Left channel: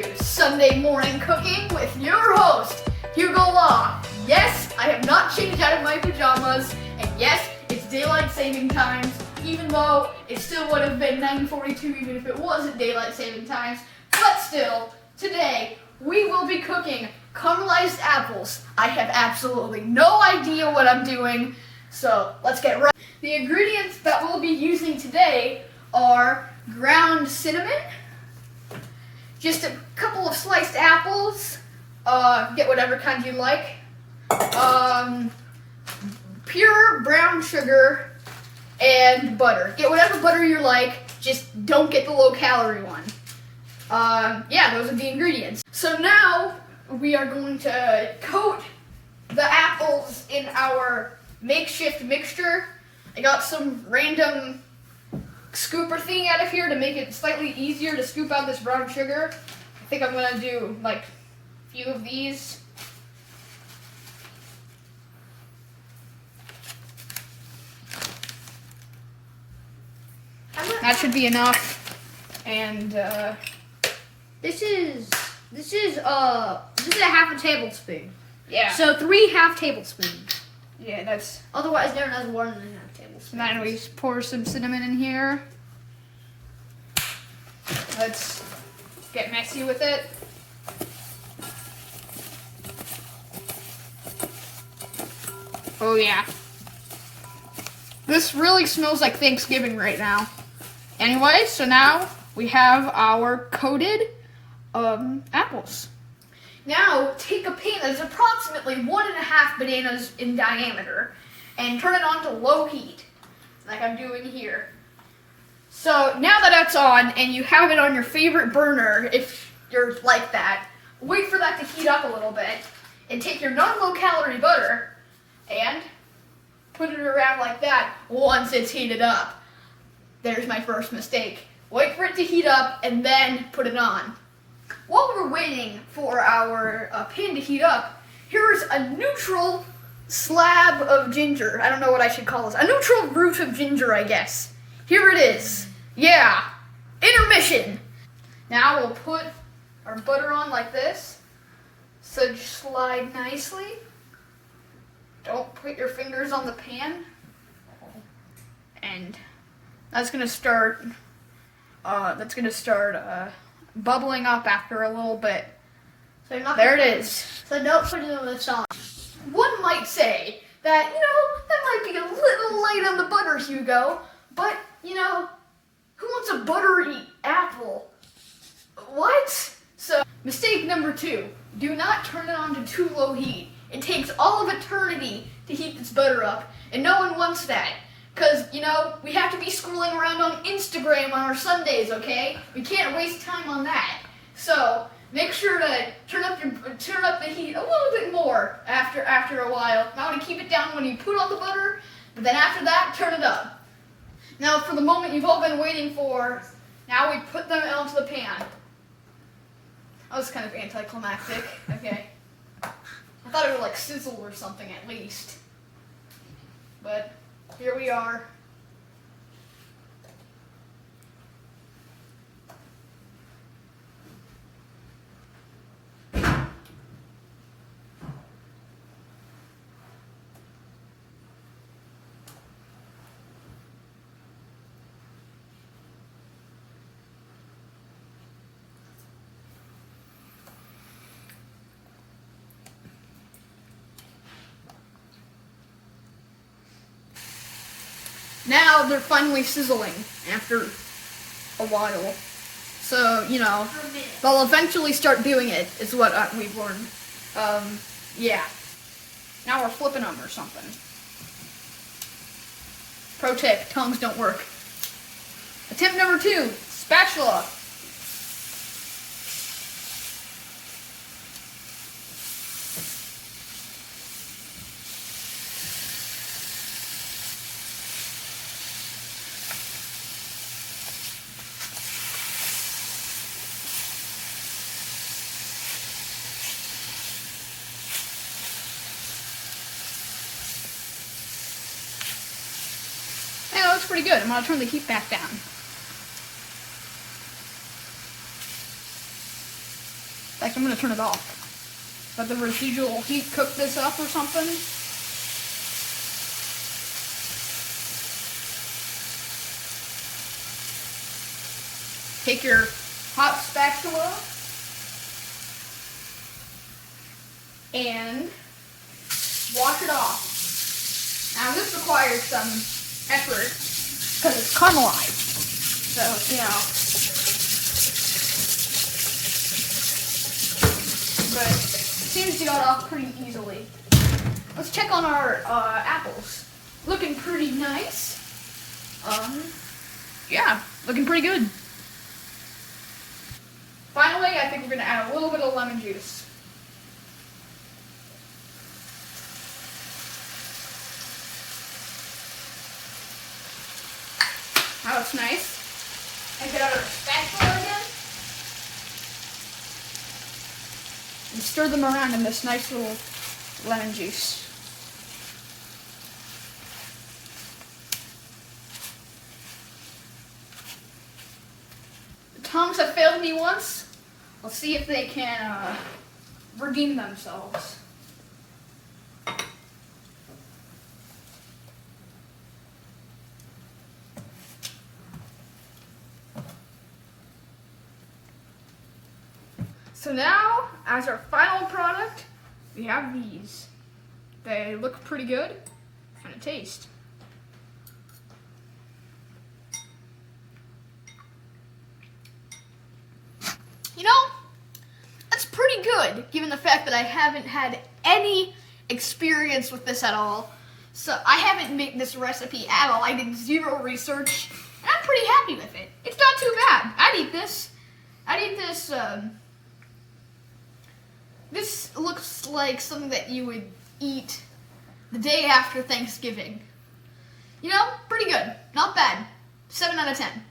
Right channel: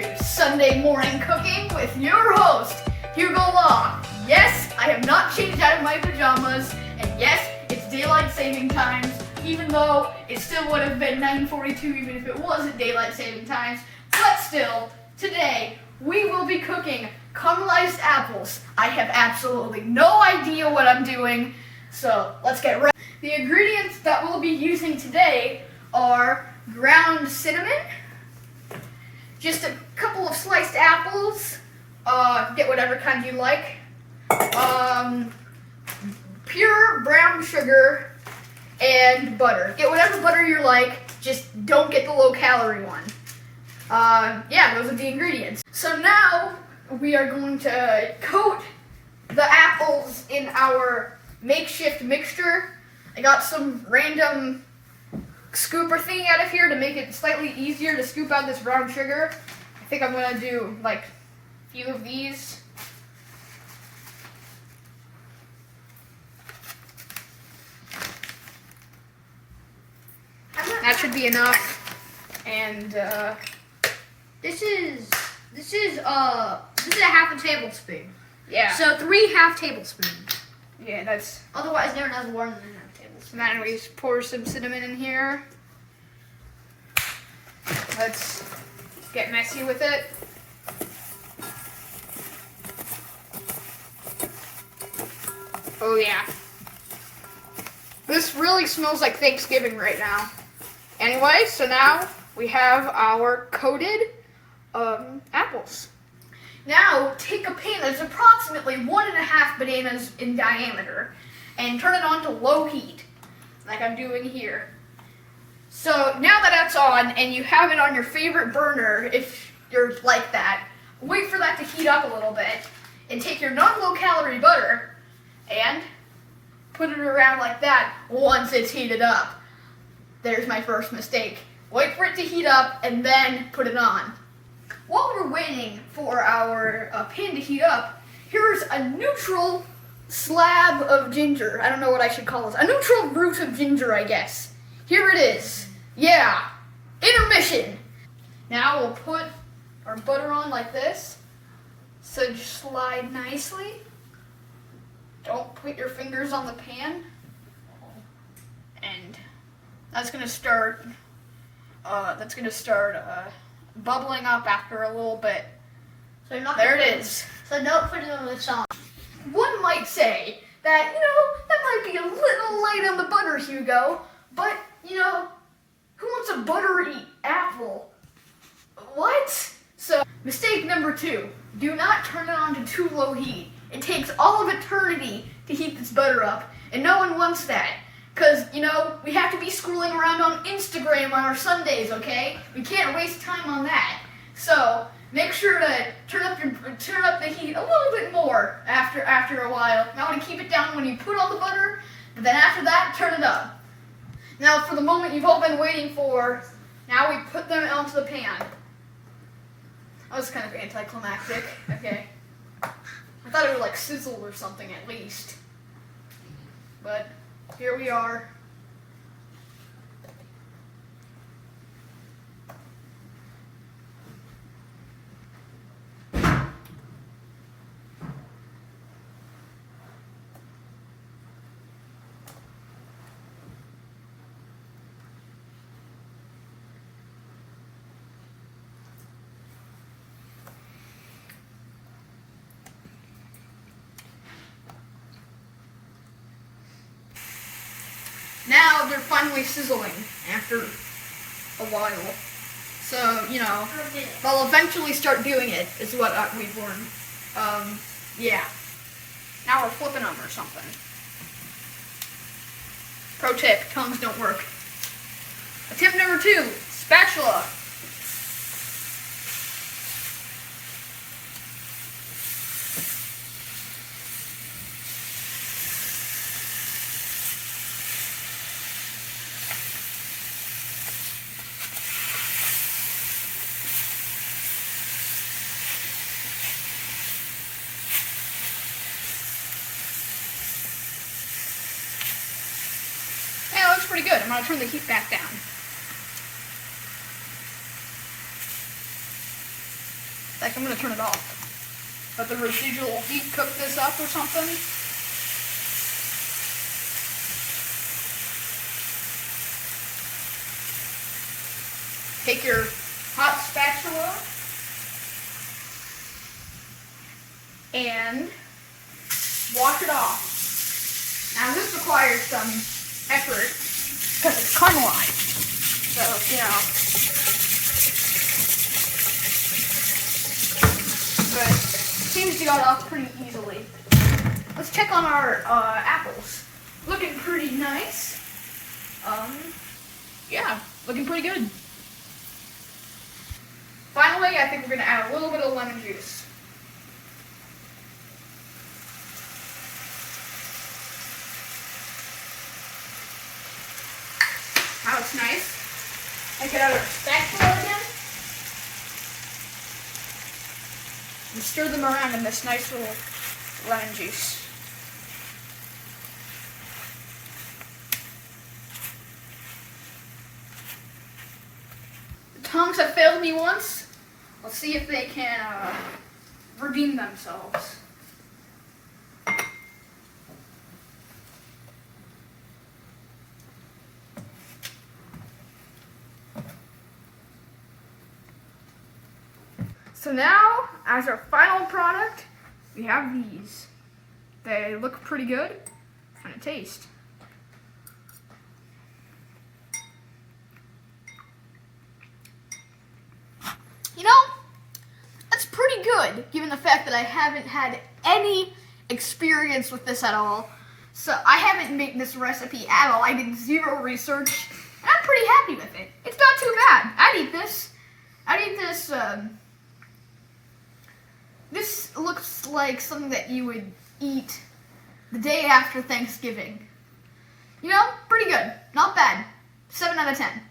to Sunday Morning Cooking with your host, Hugo. Yes, I have not changed out of my pajamas, and yes, it's daylight saving times, even though it still would have been 9:42 even if it wasn't daylight saving times. But still, today we will be cooking caramelized apples. I have absolutely no idea what I'm doing, so let's get right. The ingredients that we'll be using today are ground cinnamon, just a couple of sliced apples, get whatever kind you like, pure brown sugar, and butter. Get whatever butter you like, just don't get the low-calorie one. Yeah, those are the ingredients. So now we are going to coat the apples in our makeshift mixture. I got some random scooper thing out of here to make it slightly easier to scoop out this brown sugar. I think I'm gonna do like a few of these. That should be enough. And this is a half a tablespoon. yeah. So 3 half tablespoons. Yeah, that's. Otherwise known as 1 1/2 tablespoons. And then we pour some cinnamon in here. Let's get messy with it. Oh yeah. This really smells like Thanksgiving right now. Anyway, so now we have our coated apples. Now take a pan that's approximately 1.5 bananas in diameter and turn it on to low heat, like I'm doing here. So now that that's on and you have it on your favorite burner, if you're like that, wait for that to heat up a little bit and take your non-low calorie butter and put it around like that once it's heated up. There's my first mistake. Wait for it to heat up and then put it on. While we're waiting for our pan to heat up, here's a neutral slab of ginger. I don't know what I should call this. A neutral root of ginger, I guess. Here it is. Yeah. Intermission. Now we'll put our butter on like this. So just slide nicely. Don't put your fingers on the pan. And that's gonna start bubbling up after a little bit. So you're not there it is. So don't put it on the song. One might say that, that might be a little light on the butter, Hugo, but, who wants a buttery apple? What? So, mistake number 2, do not turn it on to too low heat. It takes all of eternity to heat this butter up, and no one wants that. Because, we have to be scrolling around on Instagram on our Sundays, okay? We can't waste time on that. So, make sure to turn up the heat a little bit more after a while. Now to keep it down when you put on the butter, but then after that, turn it up. Now for the moment you've all been waiting for, now we put them onto the pan. That was kind of anticlimactic. Okay. I thought it would like sizzle or something at least. But here we are. Now they're finally sizzling after a while. So, they'll eventually start doing it, is what we've learned. Yeah. Now we're flipping them or something. Pro tip, tongs don't work. Attempt number 2, spatula. Hey, that looks pretty good. I'm going to turn the heat back down. fact, I'm gonna turn it off. Let the residual heat cook this up or something. Take your hot spatula and wash it off. Now this requires some effort because it's caramelized. So, you know. But it seems to got off pretty easily. Let's check on our apples. Looking pretty nice. Yeah, looking pretty good. Finally, I think we're gonna add a little bit of lemon juice. Now it's nice. And get out our spatula again. And stir them around in this nice little lemon juice. The tongs have failed me once. Let's see if they can redeem themselves. So now, as our final product, we have these. They look pretty good, and it tastes. You know, that's pretty good, given the fact that I haven't had any experience with this at all. So I haven't made this recipe at all. I did zero research, and I'm pretty happy with it. It's not too bad. I'd eat this. This looks like something that you would eat the day after Thanksgiving. You know, pretty good. Not bad. 7 out of 10.